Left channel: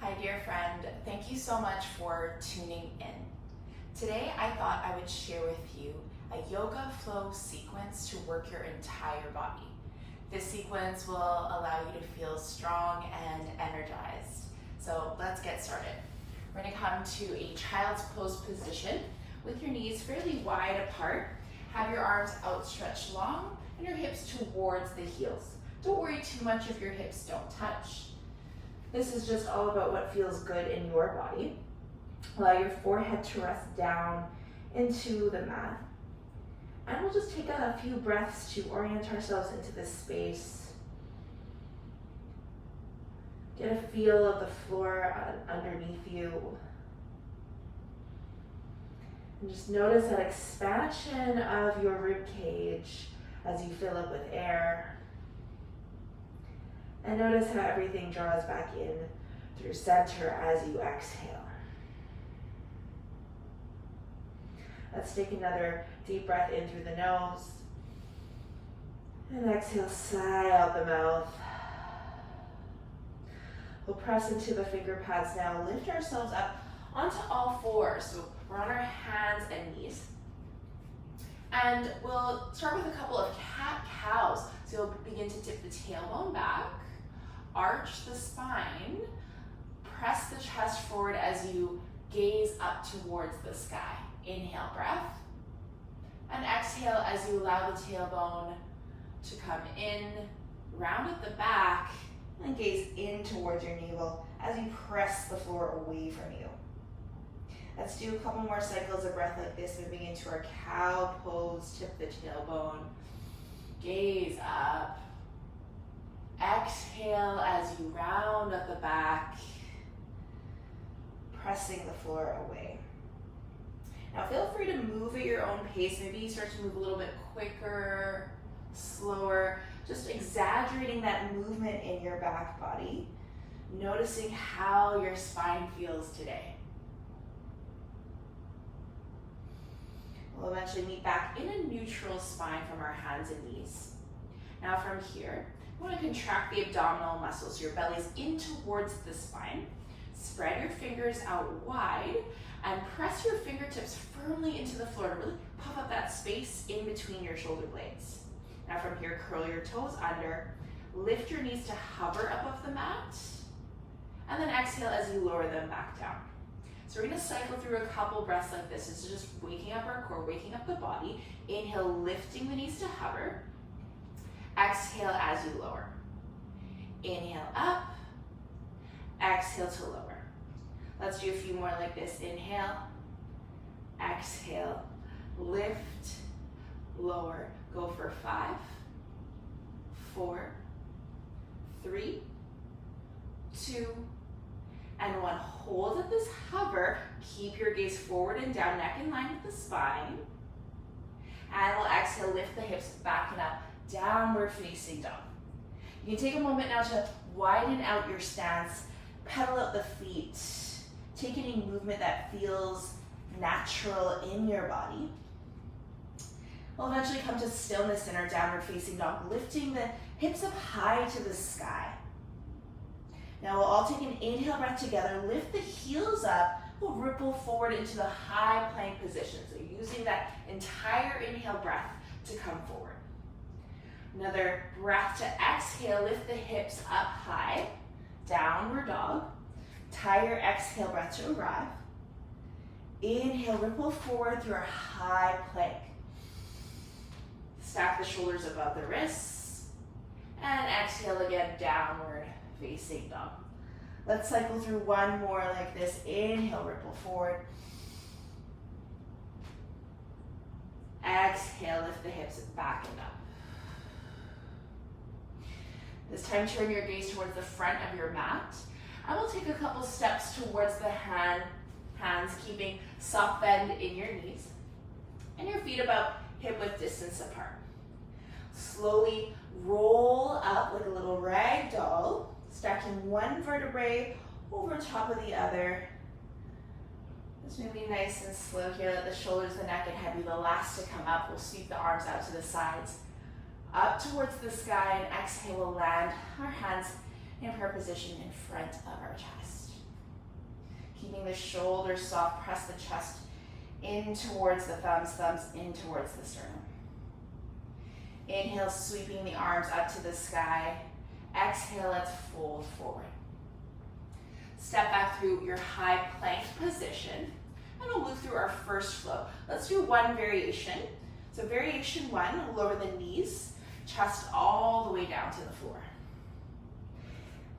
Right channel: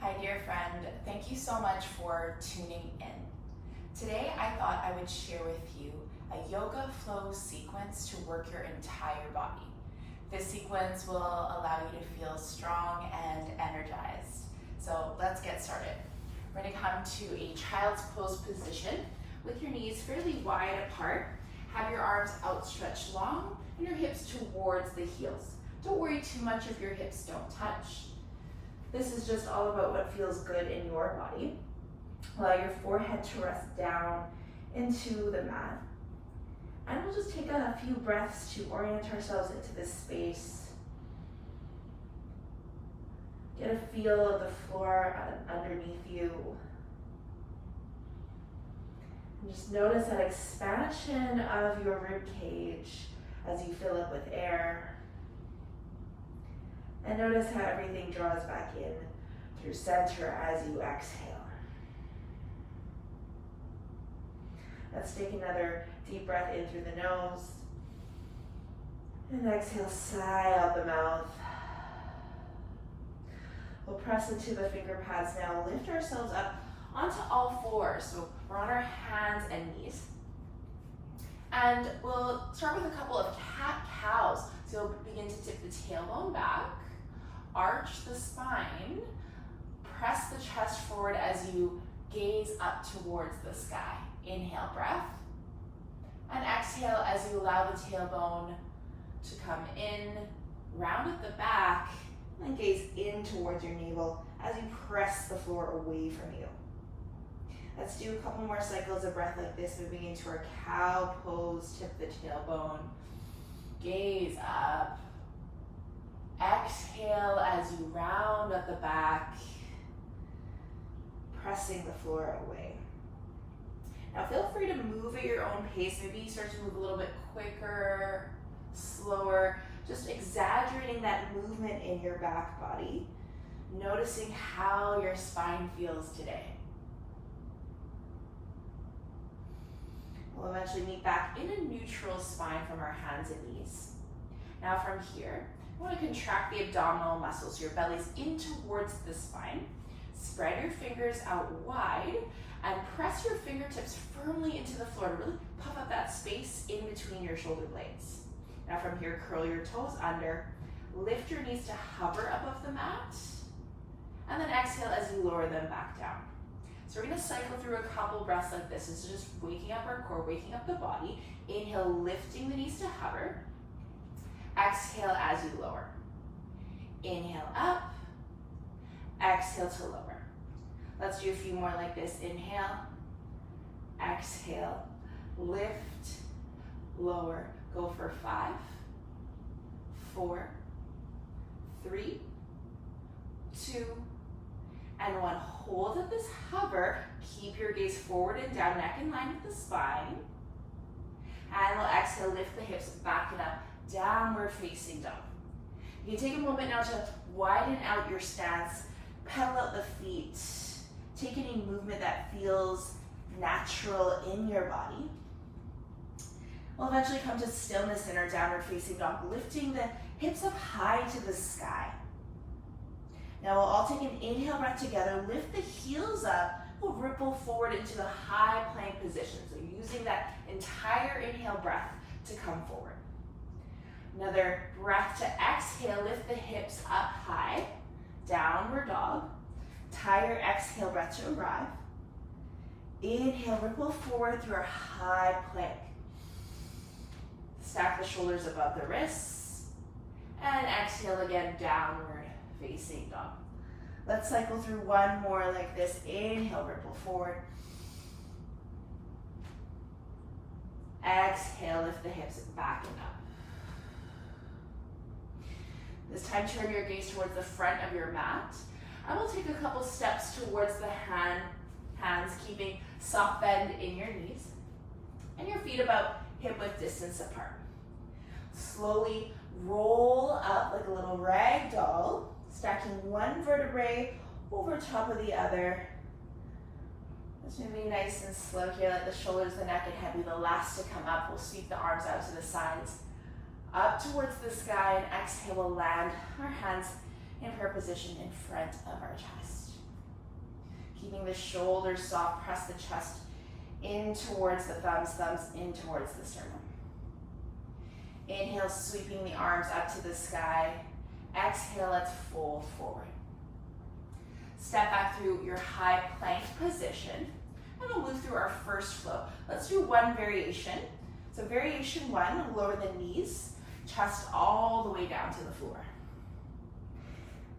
Hi dear friend, thank you so much for tuning in. Today I thought I would share with you a yoga flow sequence to work your entire body. This sequence will allow you to feel strong and energized. So let's get started. We're going to come to a child's pose position with your knees fairly wide apart. Have your arms outstretched long and your hips towards the heels. Don't worry too much if your hips don't touch. This is just all about what feels good in your body. Allow your forehead to rest down into the mat. And we'll just take a few breaths to orient ourselves into this space. Get a feel of the floor underneath you. And just notice that expansion of your rib cage as you fill it with air. And notice how everything draws back in through center as you exhale. Let's take another deep breath in through the nose. And exhale, sigh out the mouth. We'll press into the finger pads now. Lift ourselves up onto all fours. So we're on our hands and knees. And we'll start with a couple of cat-cows. So you'll begin to tip the tailbone back. Arch the spine, press the chest forward as you gaze up towards the sky. Inhale, breath, and exhale as you allow the tailbone to come in, round at the back, and gaze in towards your navel as you press the floor away from you. Let's do a couple more cycles of breath like this, moving into our cow pose, tip the tailbone, gaze up. Exhale as you round at the back, pressing the floor away. Now feel free to move at your own pace. Maybe you start to move a little bit quicker, slower, just exaggerating that movement in your back body, noticing how your spine feels today. We'll eventually meet back in a neutral spine from our hands and knees. Now from here, you want to contract the abdominal muscles. Your belly's in towards the spine. Spread your fingers out wide and press your fingertips firmly into the floor to really puff up that space in between your shoulder blades. Now from here, curl your toes under, lift your knees to hover above the mat, and then exhale as you lower them back down. So we're going to cycle through a couple breaths like this. This is just waking up our core, waking up the body. Inhale, lifting the knees to hover. Exhale as you lower. Inhale up, exhale to lower. Let's do a few more like this. Inhale, exhale, lift, lower. Go for 5, 4, 3, 2, and 1. Hold at this hover. Keep your gaze forward and down, neck in line with the spine. And we'll exhale, lift the hips back and up. Downward facing dog. You can take a moment now to widen out your stance, pedal out the feet, take any movement that feels natural in your body. We'll eventually come to stillness in our downward facing dog, lifting the hips up high to the sky. Now we'll all take an inhale breath together, lift the heels up, we'll ripple forward into the high plank position. So using that entire inhale breath to come forward. Another breath to exhale, lift the hips up high, downward dog. Tie your exhale breath to arrive. Inhale, ripple forward through our high plank. Stack the shoulders above the wrists. And exhale again, downward facing dog. Let's cycle through one more like this. Inhale, ripple forward. Exhale, lift the hips back and up. This time, turn your gaze towards the front of your mat. And we'll take a couple steps towards the hands, keeping soft bend in your knees. And your feet about hip-width distance apart. Slowly roll up like a little rag doll, stacking one vertebrae over top of the other. Just moving nice and slow here. Let the shoulders, the neck, and head be the last to come up. We'll sweep the arms out to the sides. Up towards the sky, and exhale, we'll land our hands in prayer position in front of our chest. Keeping the shoulders soft, press the chest in towards the thumbs, thumbs in towards the sternum. Inhale, sweeping the arms up to the sky. Exhale, let's fold forward. Step back through your high plank position, and we'll move through our first flow. Let's do one variation. So variation one, lower the knees, chest all the way down to the floor.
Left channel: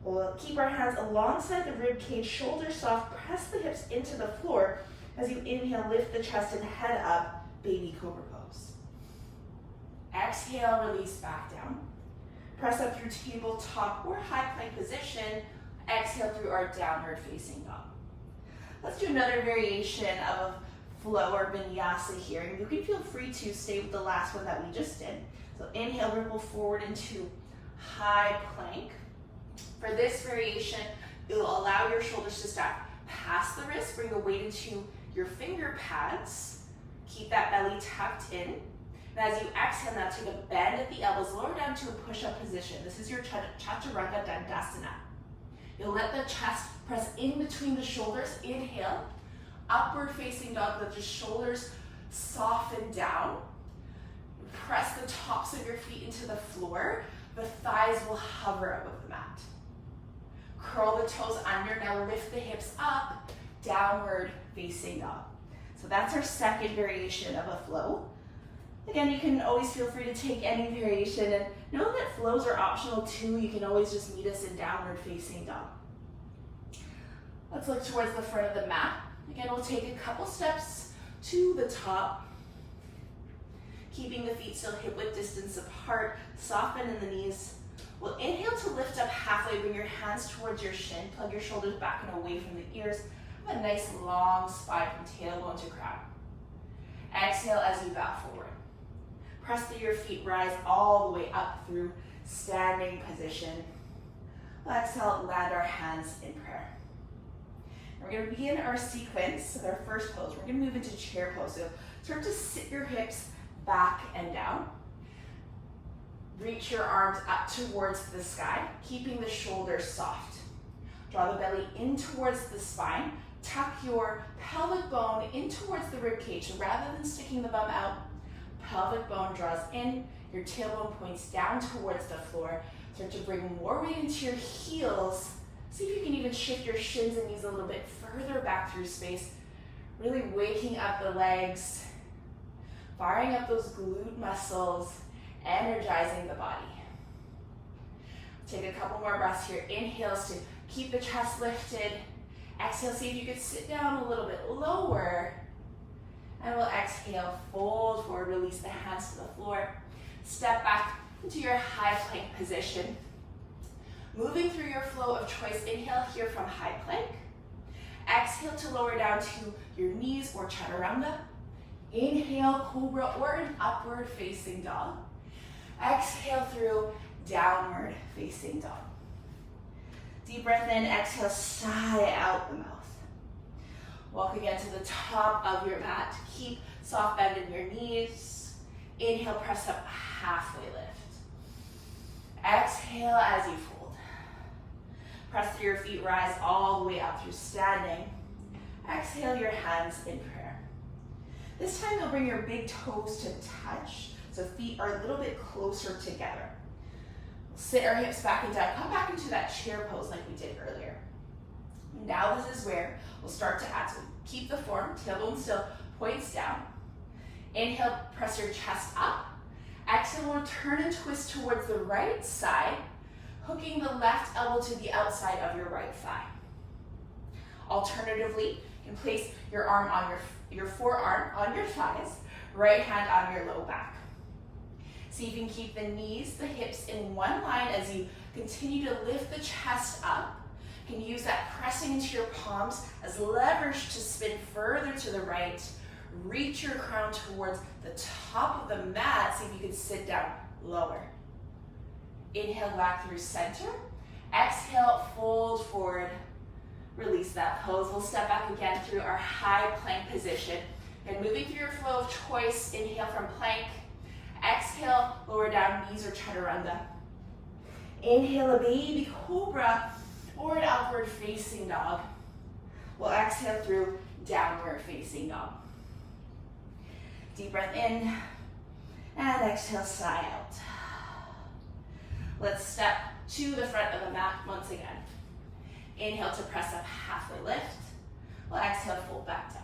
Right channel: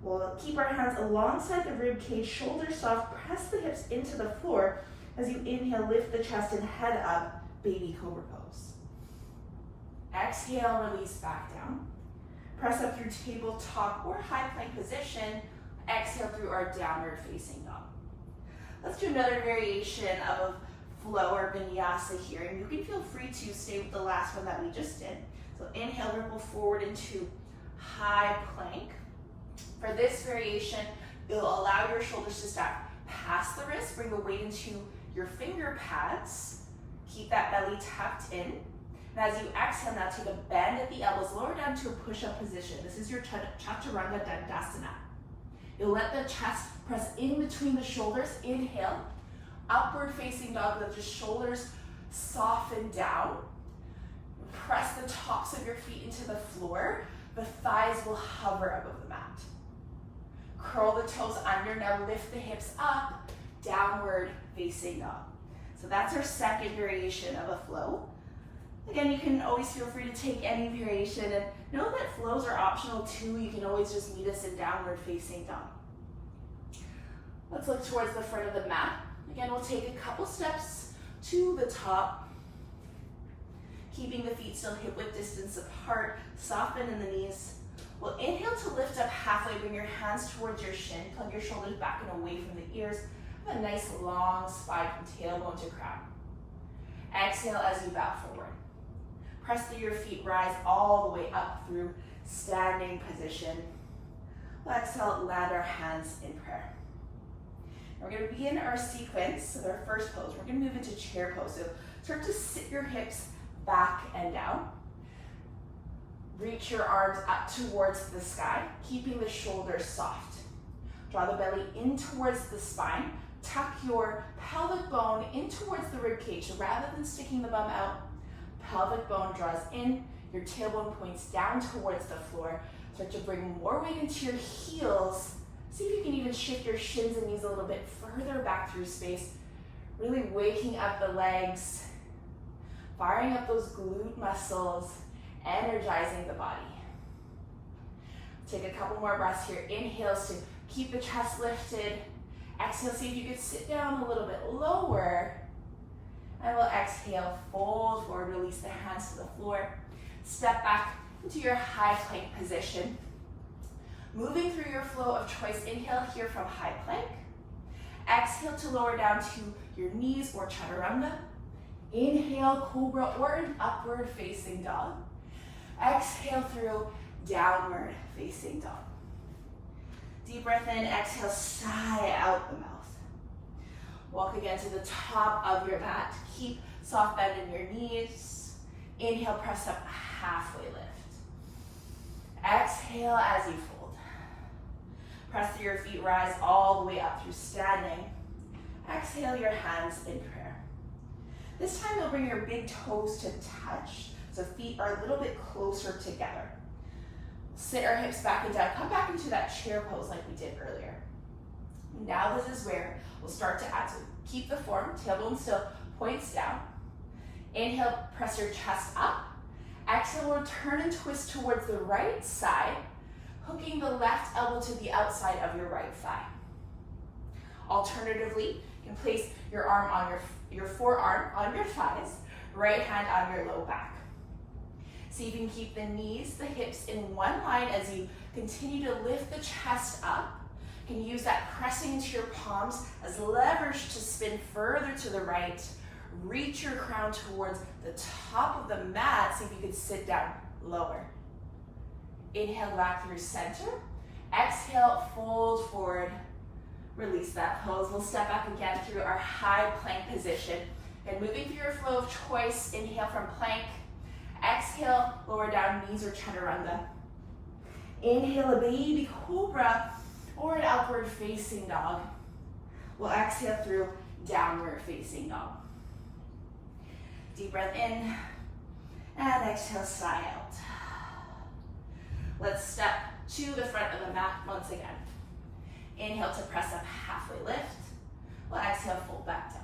We'll keep our hands alongside the rib cage, shoulders soft, press the hips into the floor. As you inhale, lift the chest and head up, baby cobra pose. Exhale, release back down. Press up through tabletop or high plank position. Exhale through our downward facing dog. Let's do another variation of flow or vinyasa here, and you can feel free to stay with the last one that we just did. So inhale, ripple forward into high plank. For this variation, it'll allow your shoulders to stack past the wrist, bring the weight into your finger pads, keep that belly tucked in. And as you exhale now, take a bend at the elbows, lower down to a push-up position. This is your Chaturanga Dandasana. You'll let the chest press in between the shoulders. Inhale, upward facing dog, let the shoulders soften down. Press the tops of your feet into the floor. The thighs will hover above the mat. Curl the toes under. Now lift the hips up, downward facing dog. So that's our second variation of a flow. Again, you can always feel free to take any variation, and know that flows are optional too. You can always just meet us in downward facing dog. Let's look towards the front of the mat. Again, we'll take a couple steps to the top, keeping the feet still hip width distance apart, soft bend in the knees. We'll inhale to lift up halfway, bring your hands towards your shin, plug your shoulders back and away from the ears. Have a nice long spine from tailbone to crown. Exhale as you bow forward. Press through your feet, rise all the way up through standing position. Exhale, land our hands in prayer. We're going to begin our sequence with our first pose. We're going to move into chair pose. So start to sit your hips back and down. Reach your arms up towards the sky, keeping the shoulders soft. Draw the belly in towards the spine. Tuck your pelvic bone in towards the rib cage. So rather than sticking the bum out, pelvic bone draws in, your tailbone points down towards the floor. Start to bring more weight into your heels. See if you can even shift your shins and knees a little bit further back through space. Really waking up the legs, firing up those glute muscles, energizing the body. Take a couple more breaths here. Inhales to keep the chest lifted. Exhale, see if you could sit down a little bit lower. And we'll exhale, fold forward, release the hands to the floor. Step back into your high plank position. Moving through your flow of choice, inhale here from high plank. Exhale to lower down to your knees or chaturanga. Inhale, cobra or an upward facing dog. Exhale through downward facing dog. Deep breath in, exhale, sigh out the mouth. Walk again to the top of your mat. Keep soft bend in your knees. Inhale, press up, halfway lift. Exhale as you fold. Press through your feet, rise all the way up through standing. Exhale your hands in prayer. This time you'll bring your big toes to touch, so feet are a little bit closer together. Sit our hips back and down. Come back into that chair pose like we did earlier. Now this is where we'll start to add. So keep the form, tailbone still, points down. Inhale, press your chest up. Exhale, we'll turn and twist towards the right side, hooking the left elbow to the outside of your right thigh. Alternatively, you can place your arm on your forearm on your thighs, right hand on your low back. So you can keep the knees, the hips in one line as you continue to lift the chest up. You can use that pressing into your palms as leverage to spin further to the right. Reach your crown towards the top of the mat. See if you can sit down lower. Inhale back through center. Exhale, fold forward. Release that pose. We'll step back again through our high plank position. And moving through your flow of choice, inhale from plank. Exhale, lower down, knees or chaturanga. Inhale, a baby cobra or an upward facing dog. We'll exhale through downward facing dog. Deep breath in, and exhale, sigh out. Let's step to the front of the mat once again. Inhale to press up, halfway lift. We'll exhale, fold back down.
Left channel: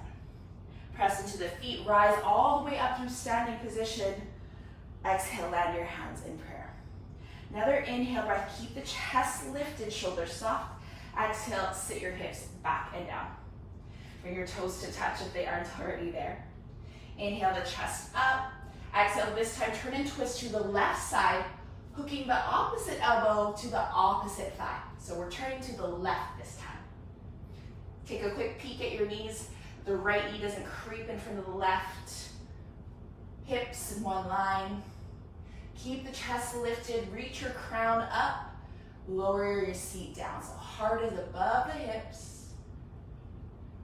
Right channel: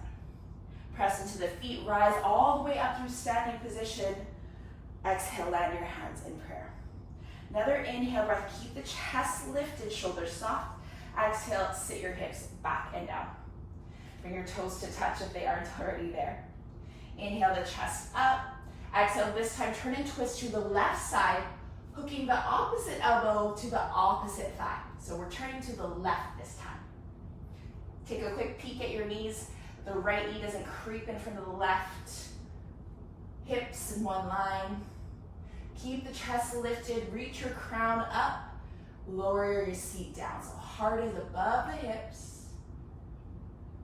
Press into the feet, rise all the way up through standing position. Exhale, land your hands in prayer. Another inhale breath, keep the chest lifted, shoulders soft. Exhale, sit your hips back and down. Bring your toes to touch if they aren't already there. Inhale the chest up. Exhale, this time turn and twist to the left side, hooking the opposite elbow to the opposite thigh. So we're turning to the left this time. Take a quick peek at your knees. The right knee doesn't creep in front of the left. Hips in one line. Keep the chest lifted, reach your crown up, lower your seat down. So heart is above the hips.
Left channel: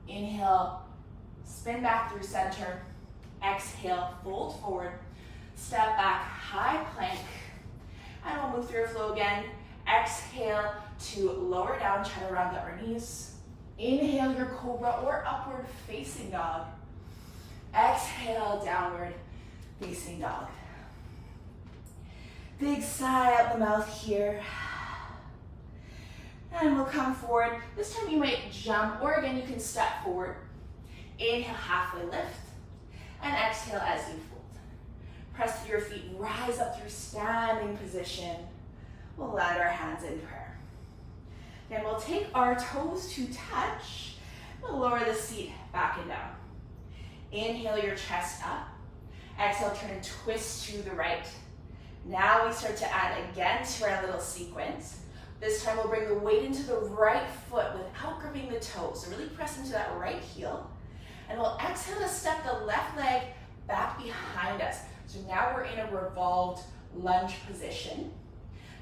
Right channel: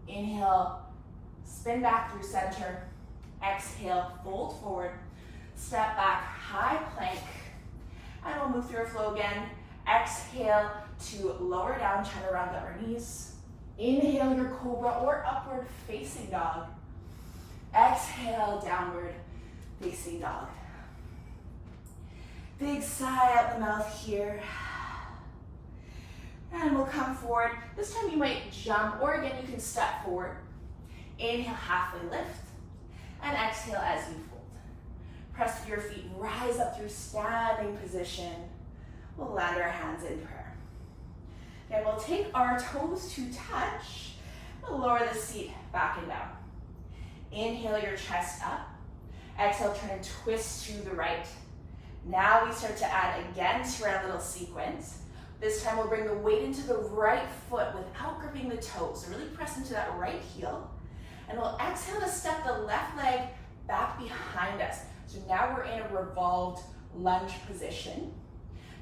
Inhale, spin back through center. Exhale, fold forward. Step back, high plank. And we'll move through a flow again. Exhale to lower down, chaturanga or knees. Inhale your cobra or upward facing dog. Exhale, downward facing dog. Big sigh out the mouth here. And we'll come forward. This time you might jump, or again, you can step forward. Inhale, halfway lift. And exhale as you fold. Press through your feet, rise up through standing position. We'll land our hands in prayer. Then we'll take our toes to touch. We'll lower the seat back and down. Inhale your chest up. Exhale, turn and twist to the right. Now we start to add again to our little sequence. This time we'll bring the weight into the right foot without gripping the toes. So really press into that right heel. And we'll exhale to step the left leg back behind us. So now we're in a revolved lunge position.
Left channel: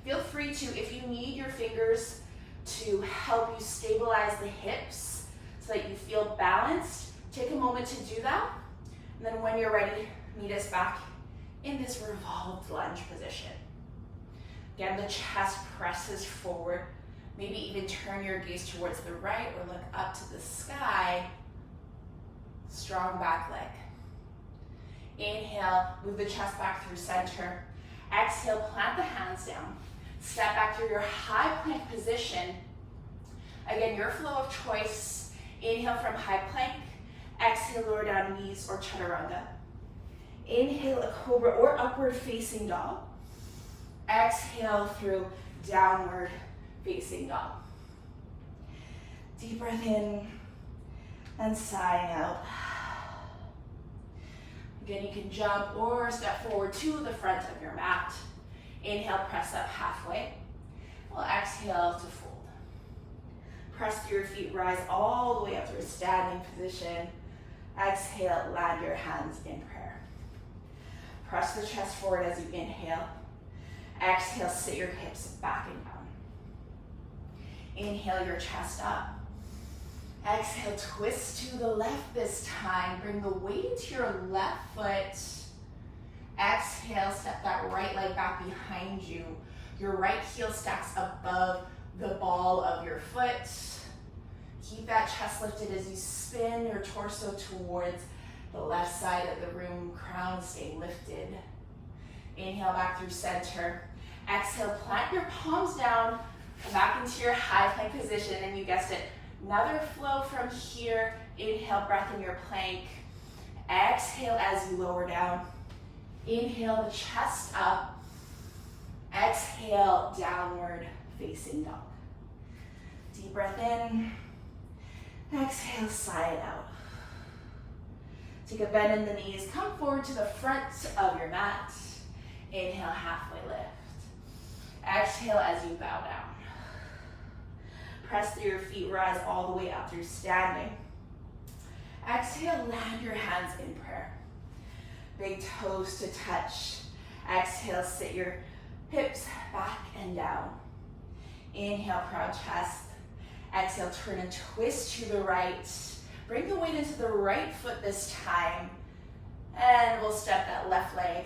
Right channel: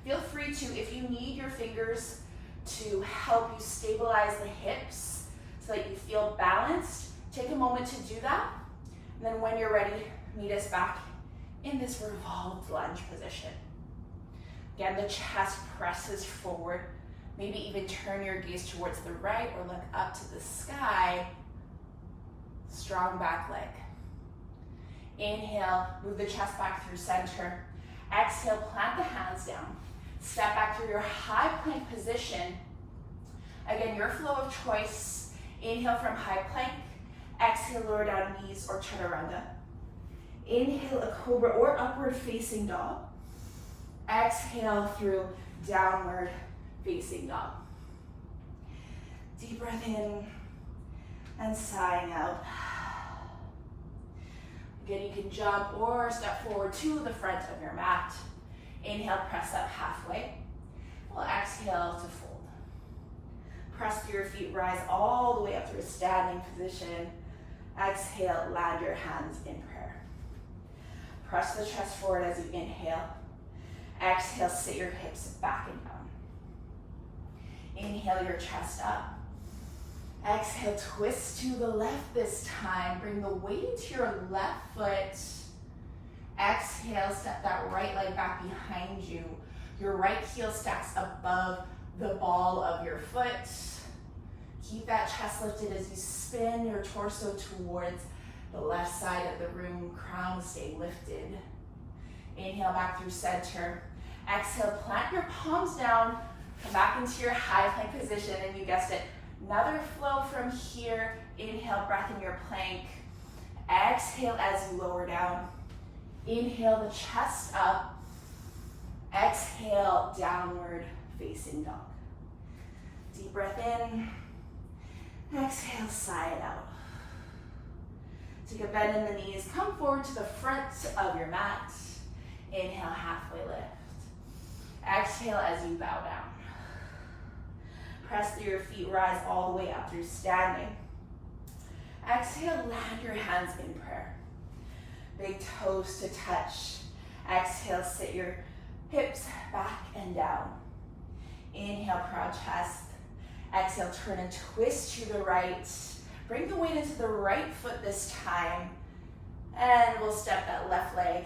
Feel free to, if you need your fingers to help you stabilize the hips so that you feel balanced, take a moment to do that. And then when you're ready, meet us back in this revolved lunge position. Again, the chest presses forward. Maybe even turn your gaze towards the right or look up to the sky. Strong back leg. Inhale, move the chest back through center. Exhale, plant the hands down. Step back through your high plank position. Again, your flow of choice. Inhale from high plank. Exhale, lower down knees or chaturanga. Inhale, a cobra or upward facing dog. Exhale through downward facing dog. Deep breath in and sighing out. Again, you can jump or step forward to the front of your mat. Inhale, press up halfway. We'll exhale to fold. Press through your feet, rise all the way up to a standing position. Exhale, land your hands in prayer. Press the chest forward as you inhale. Exhale, sit your hips back and down. Inhale your chest up. Exhale, twist to the left this time. Bring the weight into your left foot. Exhale, step that right leg back behind you. Your right heel stacks above the ball of your foot. Keep that chest lifted as you spin your torso towards the left side of the room. Crown stay lifted. Inhale back through center. Exhale, plant your palms down. Come back into your high plank position, and you guessed it, another flow from here. Inhale, breath in your plank. Exhale as you lower down. Inhale the chest up. Exhale, downward facing dog. Deep breath in. Exhale, sigh it out. Take a bend in the knees. Come forward to the front of your mat. Inhale, halfway lift. Exhale as you bow down. Press through your feet, rise all the way up through standing. Exhale, land your hands in prayer. Big toes to touch. Exhale, sit your hips back and down. Inhale, proud chest. Exhale, turn and twist to the right. Bring the weight into the right foot this time. And we'll step that left leg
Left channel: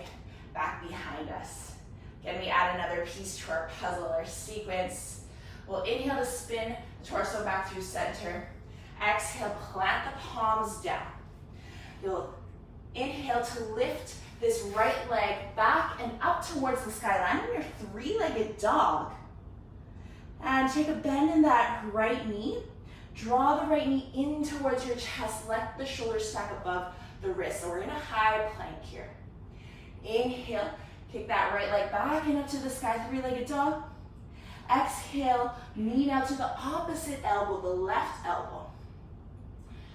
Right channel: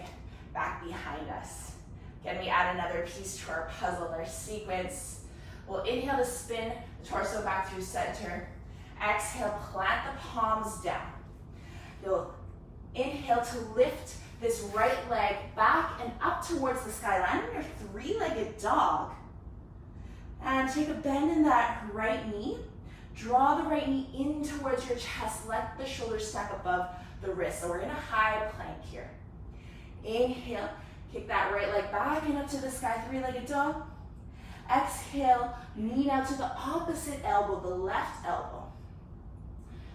back behind us. Again, we add another piece to our puzzle, our sequence. We'll inhale to spin the torso back through center. Exhale, plant the palms down. You'll inhale to lift this right leg back and up towards the sky. Land on your three-legged dog. And take a bend in that right knee. Draw the right knee in towards your chest. Let the shoulders stack above the wrist. So we're in a high plank here. Inhale, kick that right leg back and up to the sky, three-legged dog. Exhale, knee now to the opposite elbow, the left elbow.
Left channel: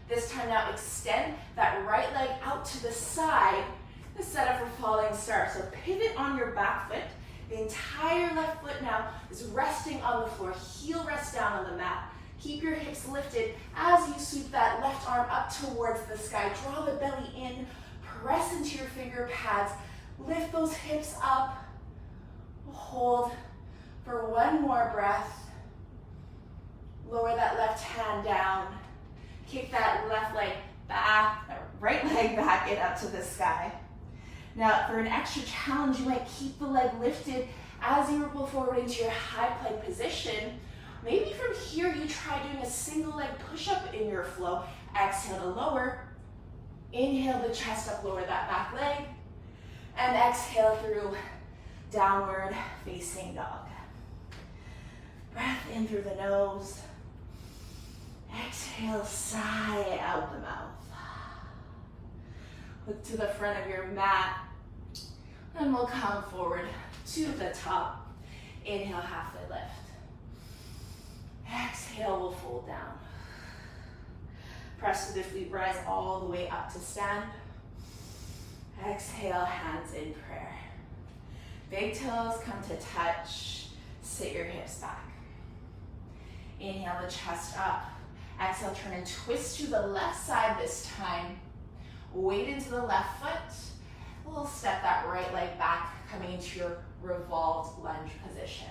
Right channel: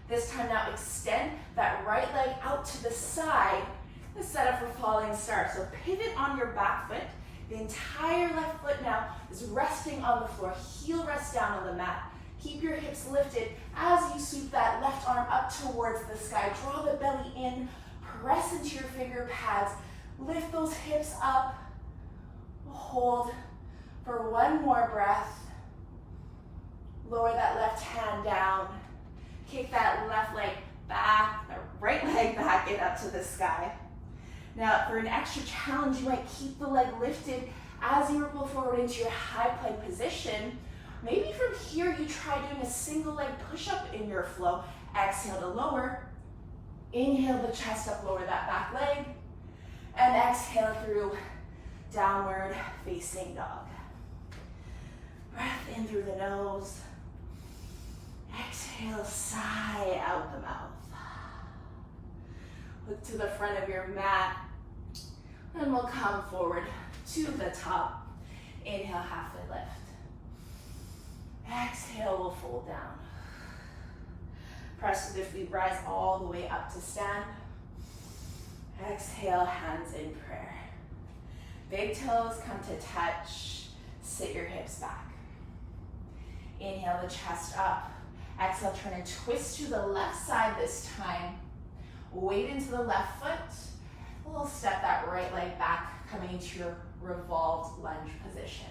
This time now extend that right leg out to the side. The setup for falling star. So pivot on your back foot. The entire left foot now is resting on the floor. Heel rests down on the mat. Keep your hips lifted as you sweep that left arm up towards the sky. Draw the belly in. Press into your finger pads. Lift those hips up. Hold for one more breath. Lower that left hand down. Kick that left leg back, right leg back and up to the sky. Now, for an extra challenge, you might keep the leg lifted as you roll forward into your high plank position. Maybe from here, you try doing a single leg push-up in your flow. Exhale to lower. Inhale the chest up, lower that back leg. And exhale through downward facing dog. Breath in through the nose. Exhale, sigh out the mouth. Look to the front of your mat. And we'll come forward to the top. Inhale, halfway lift. Exhale, we'll fold down. Press to the feet, rise all the way up to stand. Exhale, hands in prayer. Big toes come to touch. Sit your hips back. Inhale the chest up. Exhale, turn and twist to the left side this time. Weight into the left foot. We'll step that right leg back, coming into your revolved lunge position.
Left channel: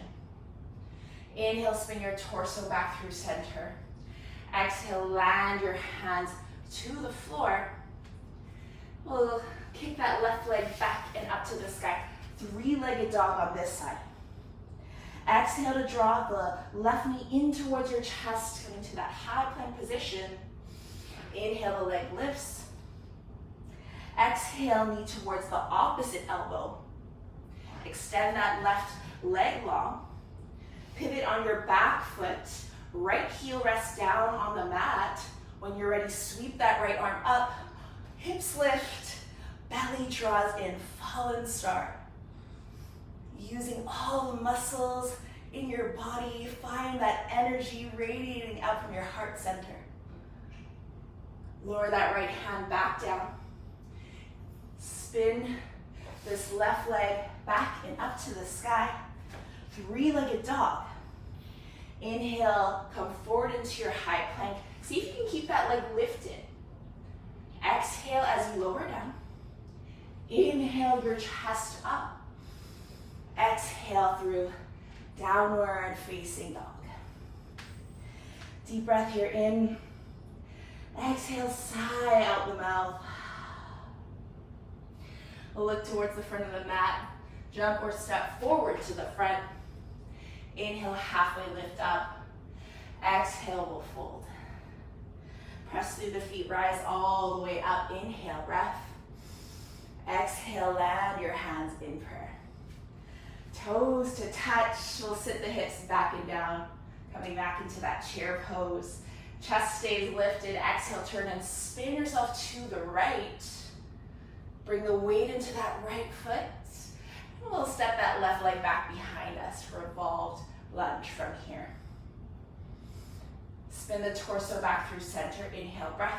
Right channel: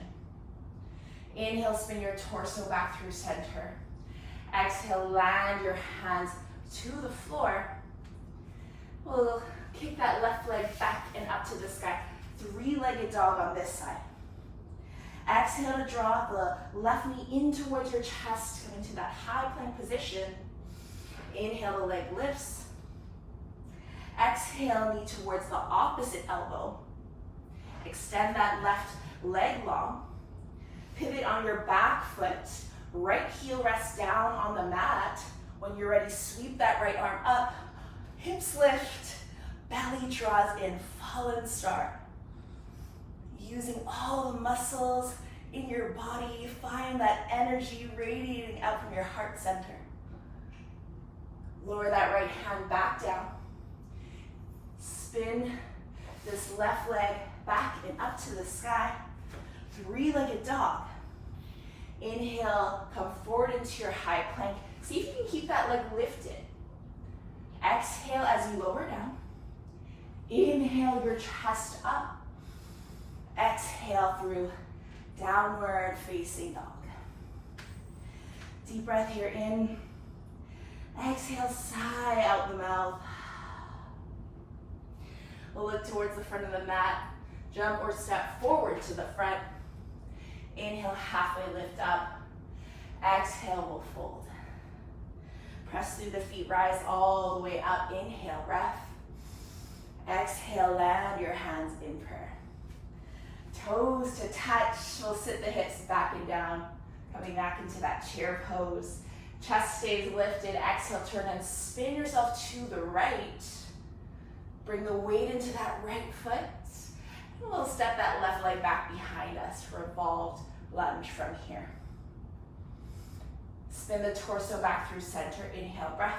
Inhale, spin your torso back through center. Exhale, land your hands to the floor. We'll kick that left leg back and up to the sky. Three-legged dog on this side. Exhale to draw the left knee in towards your chest, coming to that high plank position. Inhale, the leg lifts. Exhale, knee towards the opposite elbow. Extend that left leg long. Pivot on your back foot. Right heel rests down on the mat. When you're ready, sweep that right arm up. Hips lift. Belly draws in, fallen star. Using all the muscles in your body, find that energy radiating out from your heart center. Lower that right hand back down. Spin this left leg back and up to the sky. Three-legged dog. Inhale, come forward into your high plank. See if you can keep that leg lifted. Exhale as you lower down. Inhale your chest up. Exhale through downward facing dog. Deep breath here in. Exhale, sigh out the mouth. We'll look towards the front of the mat. Jump or step forward to the front. Inhale, halfway lift up. Exhale, we'll fold. Press through the feet, rise all the way up. Inhale, breath. Exhale, land your hands in prayer. Toes to touch. We'll sit the hips back and down. Coming back into that chair pose. Chest stays lifted. Exhale, turn and spin yourself to the right. Bring the weight into that right foot. And we'll step that left leg back behind us for revolved lunge from here. Spin the torso back through center. Inhale, breath.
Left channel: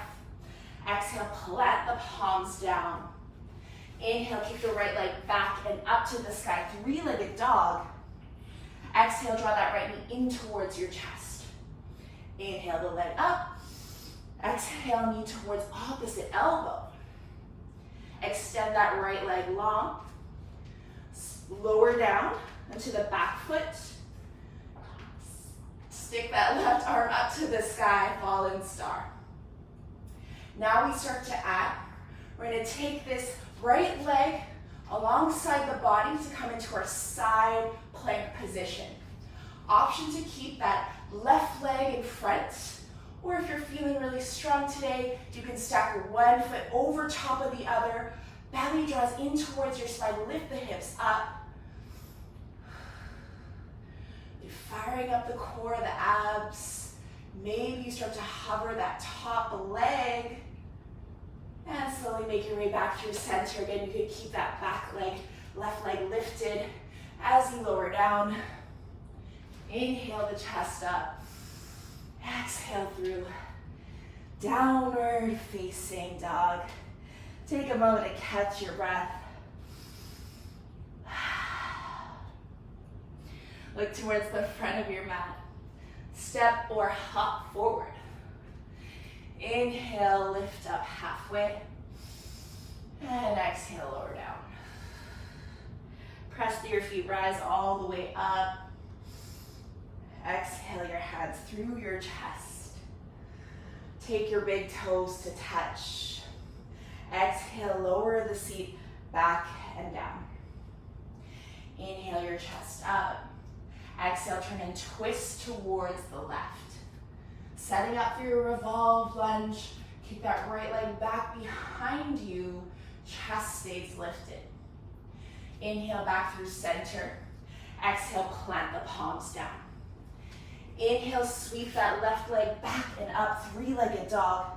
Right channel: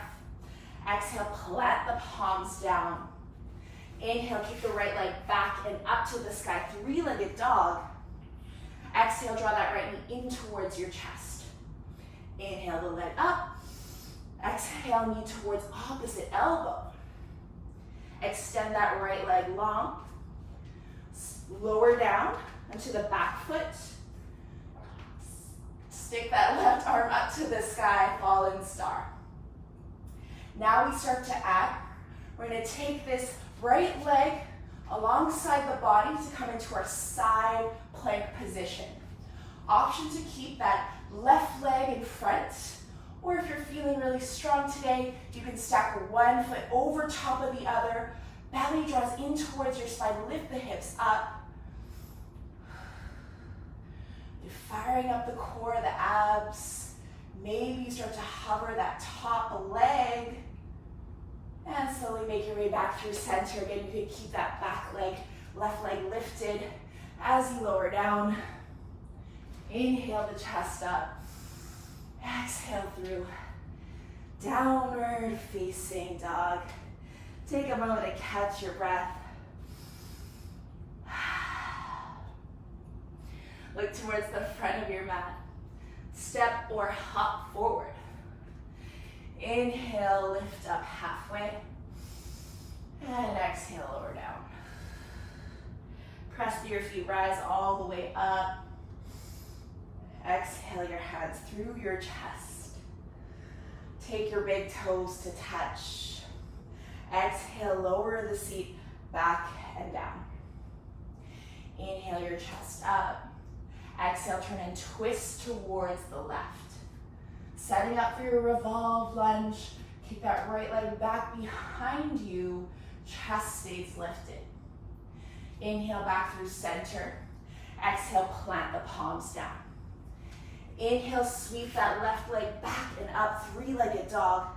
Exhale, plant the palms down. Inhale, keep the right leg back and up to the sky. Three-legged dog. Exhale, draw that right knee in towards your chest. Inhale the leg up. Exhale, knee towards opposite elbow. Extend that right leg long. Lower down into the back foot. Stick that left arm up to the sky, fallen star. Now we start to add. We're going to take this right leg alongside the body to come into our side plank position. Option to keep that left leg in front, or if you're feeling really strong today, you can stack one foot over top of the other. Belly draws in towards your spine. Lift the hips up. You're firing up the core, the abs. Maybe you start to hover that top leg. And slowly make your way back through center. Again, you can keep that back leg, left leg lifted as you lower down. Inhale the chest up. Exhale through. Downward facing dog. Take a moment to catch your breath. Look towards the front of your mat. Step or hop forward. Inhale, lift up halfway. And exhale, lower down. Press through your feet, rise all the way up. Exhale your hands through your chest. Take your big toes to touch. Exhale, lower the seat back and down. Inhale your chest up. Exhale, turn and twist towards the left. Setting up for your revolve lunge. Kick that right leg back behind you. Chest stays lifted. Inhale back through center. Exhale, plant the palms down. Inhale, sweep that left leg back and up, three-legged dog.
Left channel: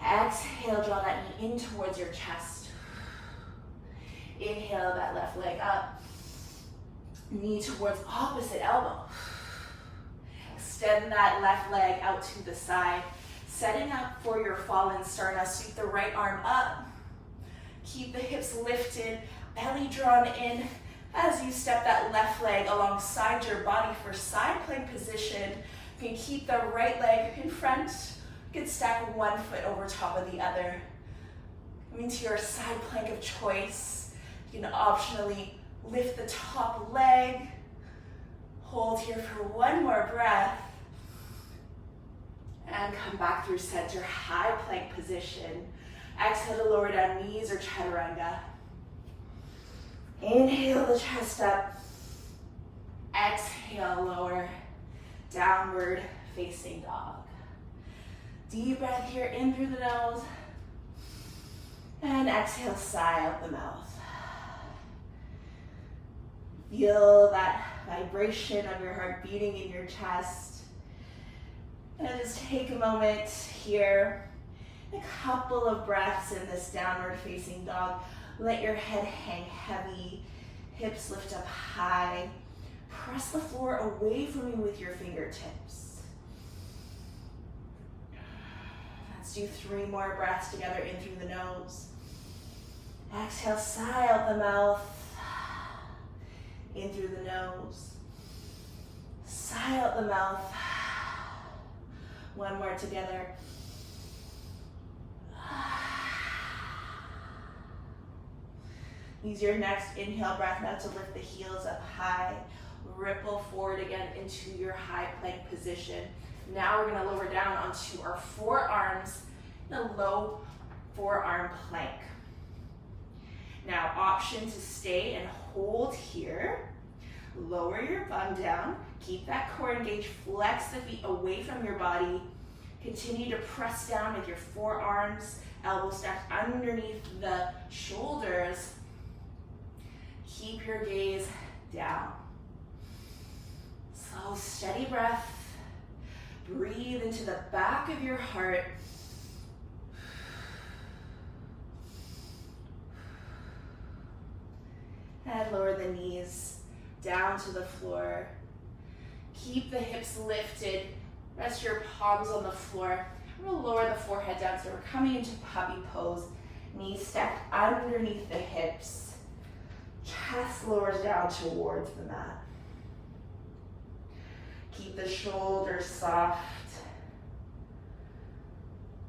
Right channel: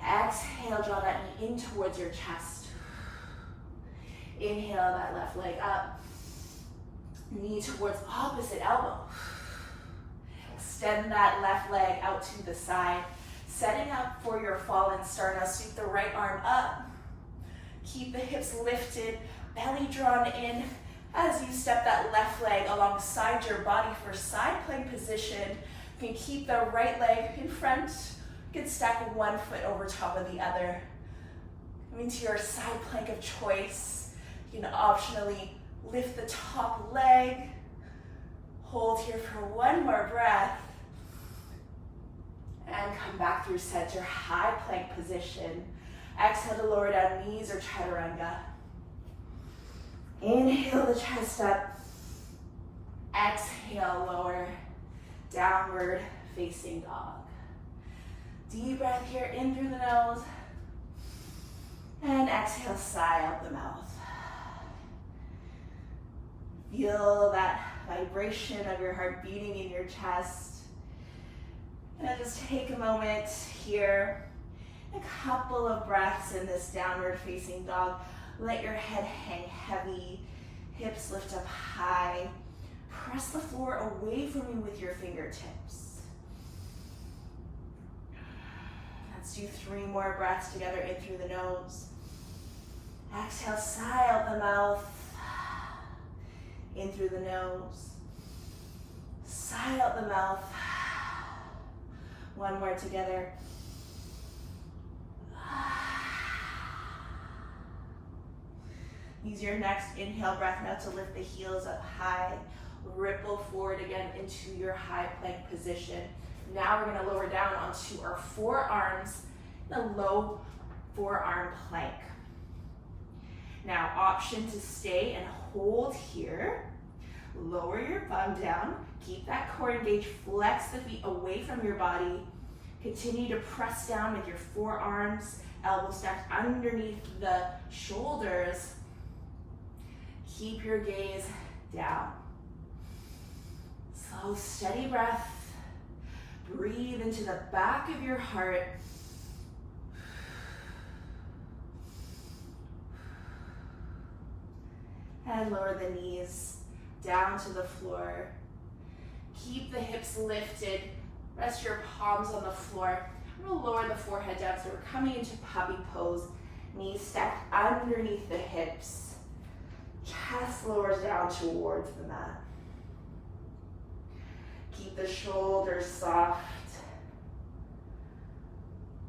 Exhale, draw that knee in towards your chest. Inhale, that left leg up. Knee towards opposite elbow. Extend that left leg out to the side. Setting up for your fallen star. Now sweep the right arm up. Keep the hips lifted, belly drawn in as you step that left leg alongside your body for side plank position. You can keep the right leg in front. You can stack one foot over top of the other. Coming to your side plank of choice. You can optionally lift the top leg. Hold here for one more breath. And come back through center, high plank position. Exhale to lower down, knees or chaturanga. Inhale the chest up. Exhale, lower, downward facing dog. Deep breath here, in through the nose. And exhale, sigh out the mouth. Feel that vibration of your heart beating in your chest. And just take a moment here. A couple of breaths in this downward facing dog. Let your head hang heavy. Hips lift up high. Press the floor away from you with your fingertips. Let's do 3 more breaths together in through the nose. Exhale, sigh out the mouth. In through the nose. Sigh out the mouth. One more together. Use your next inhale breath now to lift the heels up high. Ripple forward again into your high plank position. Now we're going to lower down onto our forearms in a low forearm plank. Now, option to stay and hold here. Lower your bum down. Keep that core engaged. Flex the feet away from your body. Continue to press down with your forearms, elbows stacked underneath the shoulders. Keep your gaze down. Slow, steady breath. Breathe into the back of your heart. And lower the knees down to the floor. Keep the hips lifted. Rest your palms on the floor. I'm going to lower the forehead down, so we're coming into puppy pose. Knees stacked underneath the hips. Chest lowers down towards the mat. Keep the shoulders soft.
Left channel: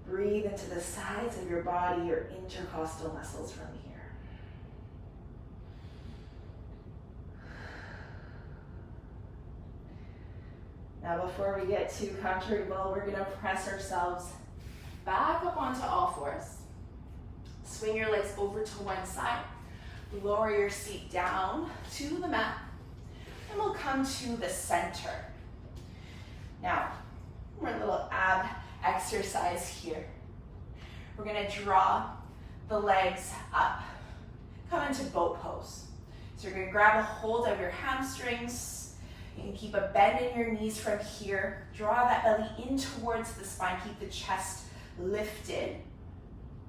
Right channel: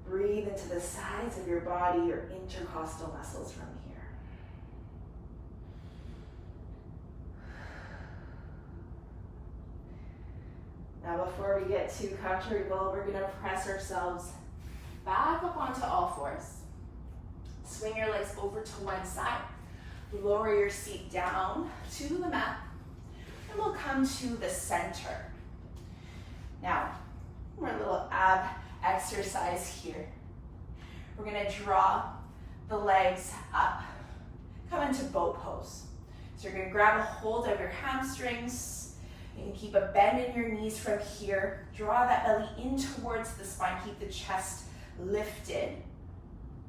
Breathe into the sides of your body, your intercostal muscles from here. Now before we get too comfortable, we're gonna press ourselves back up onto all fours. Swing your legs over to one side. Lower your seat down to the mat. And we'll come to the center. Now, we're a little ab exercise. exercise here. We're gonna draw the legs up. Come into boat pose. So you're gonna grab a hold of your hamstrings. You can keep a bend in your knees from here. Draw that belly in towards the spine. Keep the chest lifted.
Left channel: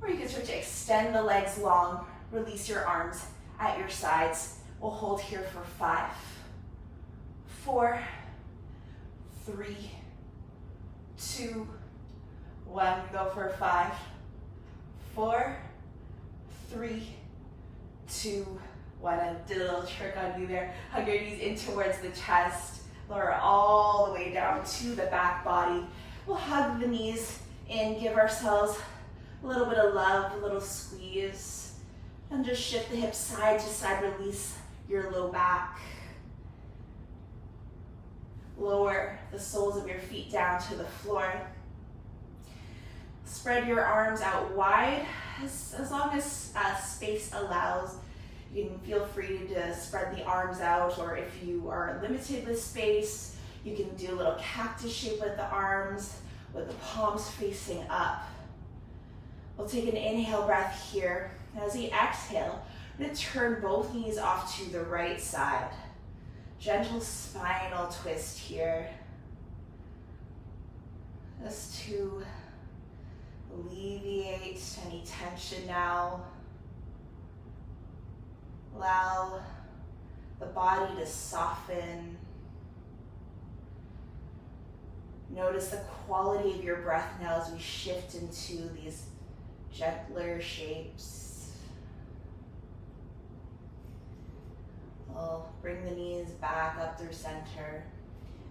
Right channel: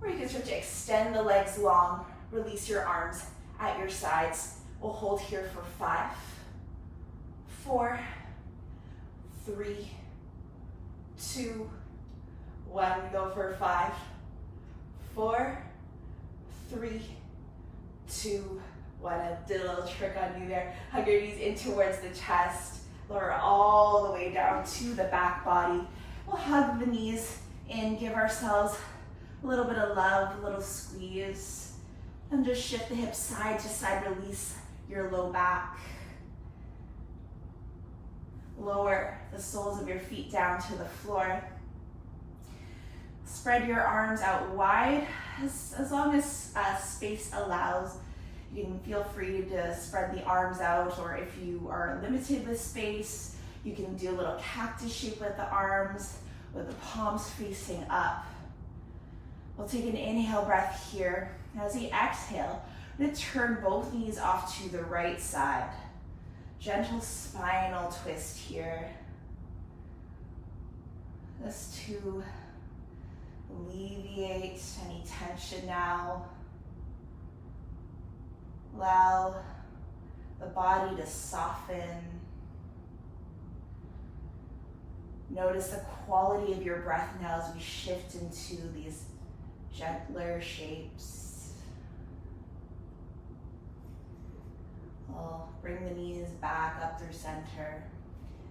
Or you can start to extend the legs long. Release your arms at your sides. We'll hold here for 5, 4, 3, 2, 1. Go for 5, 4, 3, 2, 1. I did a little trick on you there. Hug your knees in towards the chest. Lower all the way down to the back body. We'll hug the knees in, give ourselves a little bit of love, a little squeeze. And just shift the hips side to side, release your low back. Lower the soles of your feet down to the floor. Spread your arms out wide as long as space allows. You can feel free to spread the arms out, or if you are limited with space, you can do a little cactus shape with the arms, with the palms facing up. We'll take an inhale breath here. As we exhale, I'm going to turn both knees off to the right side. Gentle spinal twist here. Just to alleviate any tension now. Allow the body to soften. Notice the quality of your breath now as we shift into these gentler shapes. We'll bring the knees back up through center.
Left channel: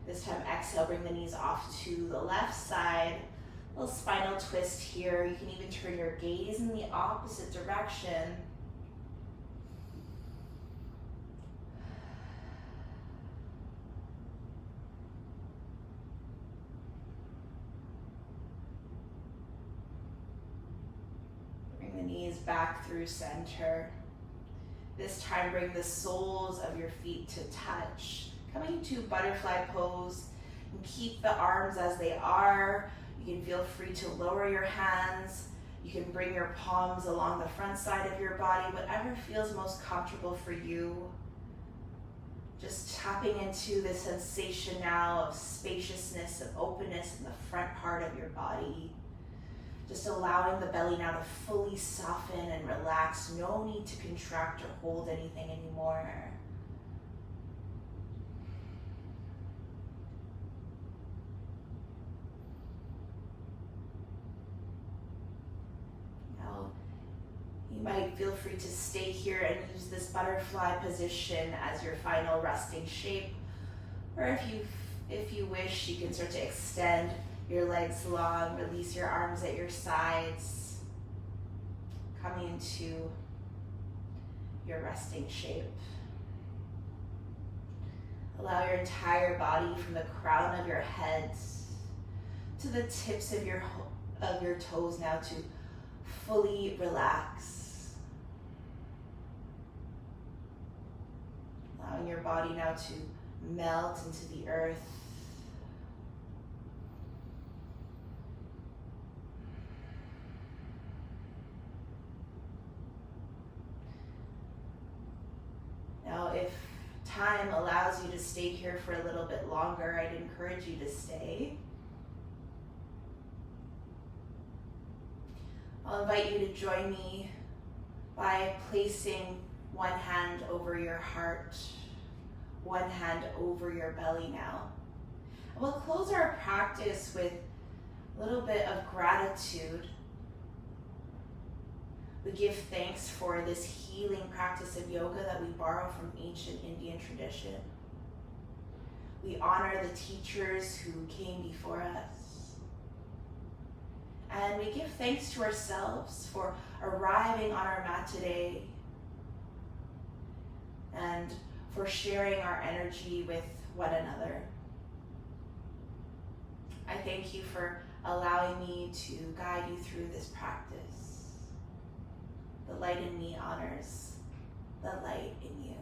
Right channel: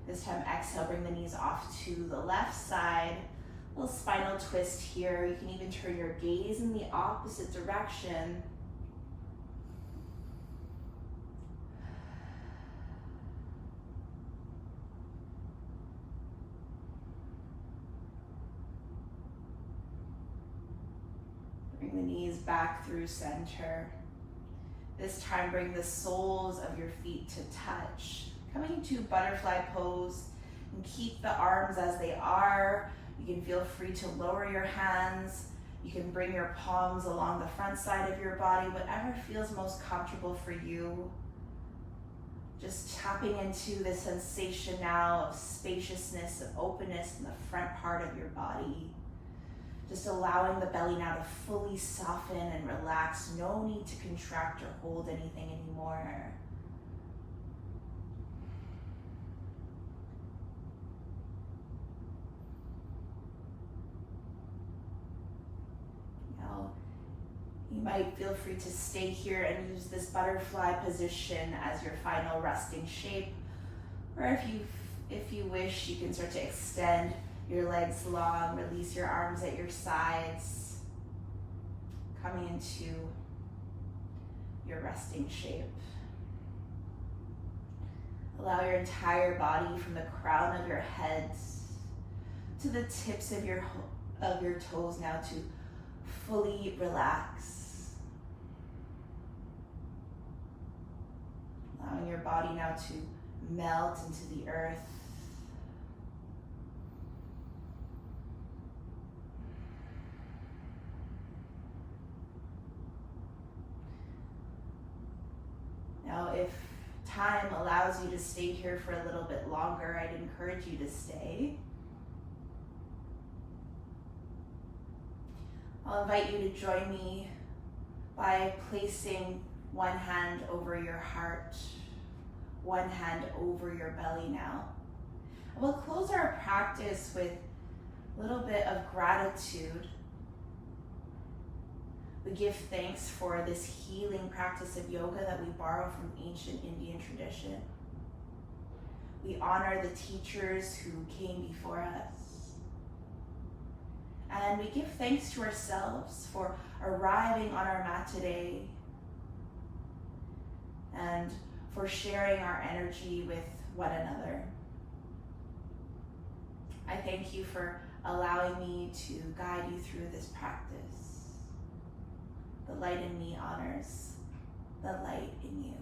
This time exhale, bring the knees off to the left side. A little spinal twist here. You can even turn your gaze in the opposite direction. Bring the knees back through center. This time, bring the soles of your feet to touch. Coming to butterfly pose, and keep the arms as they are. You can feel free to lower your hands. You can bring your palms along the front side of your body, whatever feels most comfortable for you. Just tapping into the sensation now of spaciousness, of openness in the front part of your body. Just allowing the belly now to fully soften and relax. No need to contract or hold anything anymore. Now, you might feel free to stay here and use this butterfly position as your final resting shape. Or if you wish, you can start to extend your legs long, release your arms at your sides, coming into your resting shape. Allow your entire body from the crown of your head to the tips of your toes now to fully relax. Allowing your body now to melt into the earth. Now, if time allows you to stay here for a little bit longer, I'd encourage you to stay. I'll invite you to join me by placing one hand over your heart, one hand over your belly now. And we'll close our practice with a little bit of gratitude. We give thanks for this healing practice of yoga that we borrow from ancient Indian tradition. We honor the teachers who came before us. And we give thanks to ourselves for arriving on our mat today and for sharing our energy with one another. I thank you for allowing me to guide you through this practice. The light in me honors the light in you.